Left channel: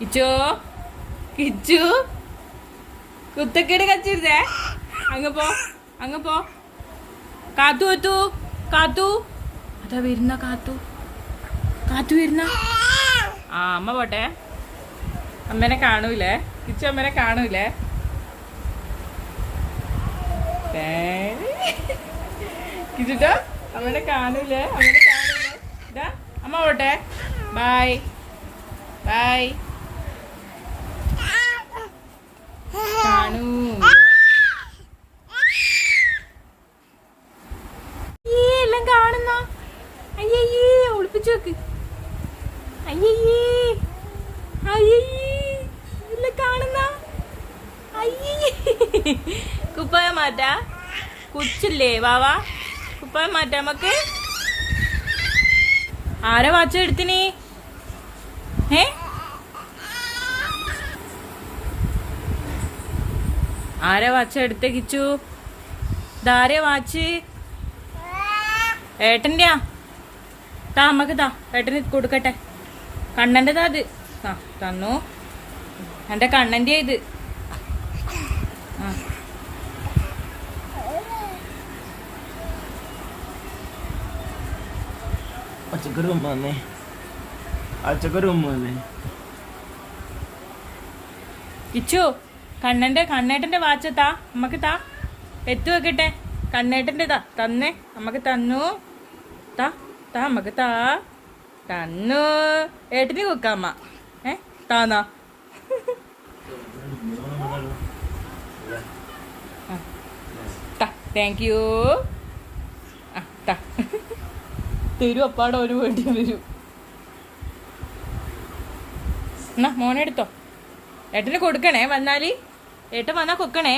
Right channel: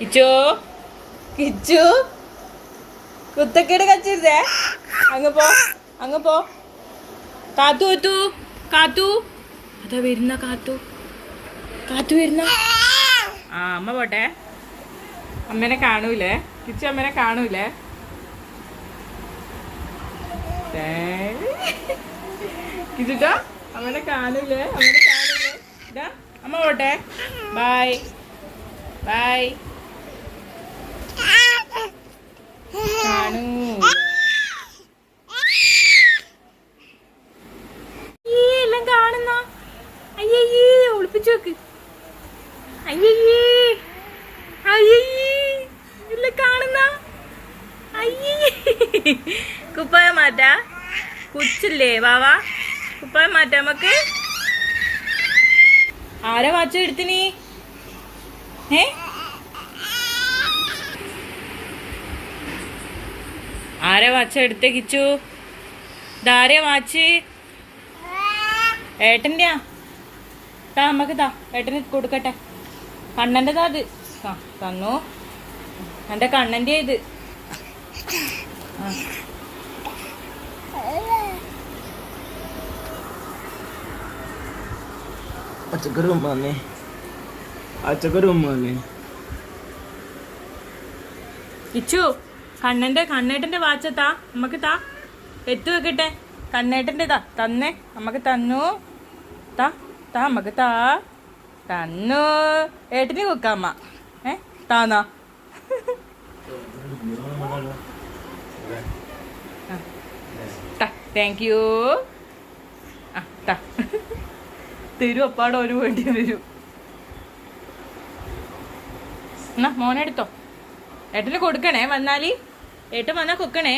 കിച്ചു? കിച്ചു? കുത്തക്കേട് കച്ചിരുതേ അങ്ങ് പോ അങ്ങ് പോ. കാത്തു കുത്തു കാത്തു. അതാ വരുന്ന കാത്തു. കാത്തു വരുന്ന. ആ അമ്മ പോട്ടെ. അമ്മേനെ കാണൂലേ? കിച്ചു അമ്മേനെ കാണൂലേ? കിച്ചുട്ടോ അമ്മേനെ കാണൂലേ? അമ്മേനെ കാണൂലേ? അമ്മ പോട്ടെ. ബൈ. ബൈ. ഒളിപ്പിച്ചു നോക്ക് അയ്യേ അയ്യേ എല്ലാം കാണുന്ന. അയ്യേ കുപ്പായ മാറ്റാ. കുച്ചില്ലേ വാവാ. കുപ്പായ മാറ്റാ നമുക്ക് ആരാ വാച്ച എടുത്തിനി? ഏ? ആരാ വാച്ച എടുത്ത കിച്ചു? ദാരെ വാച്ച് ഏട്ടന്റെയാ താ അമ്മയ്ക്ക് താ ഏട്ടന് കൊടുക്കട്ടെ. കണ്ണന്റെതാ അത് ആ തന്നു. എന്റെ കണ്ണന്റെ ഇത്. പച്ചക്കറി ഉമ്മ തന്നെ പച്ചക്കറി ഉമ്മ തന്നെ ഇച്ചു കണ്ണന്റെ കണ്ണേട്ടന്റെ വാച്ച താ. അമ്മയ്ക്ക് താ. എത്തു വെക്കട്ടെ? കണ്ണേട്ടന്റെ താ തന്നേ. അമ്മയ്ക്ക് തന്നു. താ. താ മക താ. തന്നു. ഏട്ടന് കൊടുക്കാമ്മ ഏ താന്നോ? താങ്ക് യു ആ താ. തരൂ അപ്പാടെ ഒരു വേണ്ടി വരൂ. എന്നാ മോനെടുത്തോ ഏട്ടന് കൊടുക്കണേ വന്നാൽ? ഏട്ടൻ വന്നാ കൊടുക്കണേ